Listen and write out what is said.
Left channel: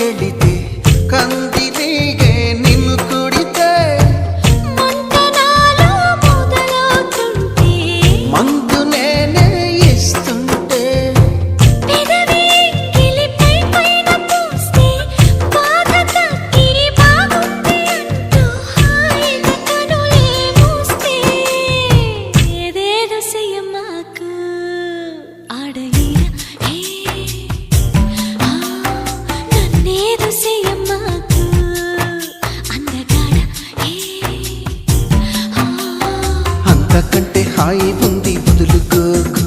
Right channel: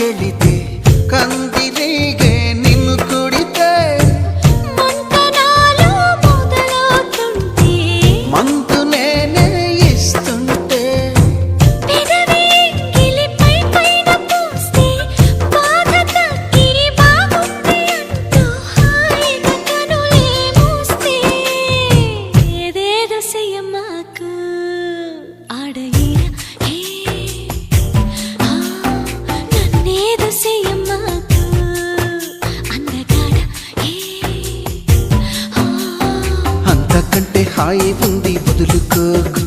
ಕೆಳಿತೆ ಕಂದಿರಿಗೆ ನಿನ್ನು ಕುಡಿತೆ ಮಂತನಾಲು ಮೊದಲవుతుంటే మందు నేనే ఇస్తుంటే పెదవి గిలిపై పైన పూస్తే బాధ తగ్గి బాగుంది అంటూ హాయిగా కనులే మూస్తే ఏదేదో చెయ్యమాకు ఆడయిర హే నన్నేదో చెయ్యమాకు అందగాడ హే అంతకంటే హాయి ఉంది వదులుకోకు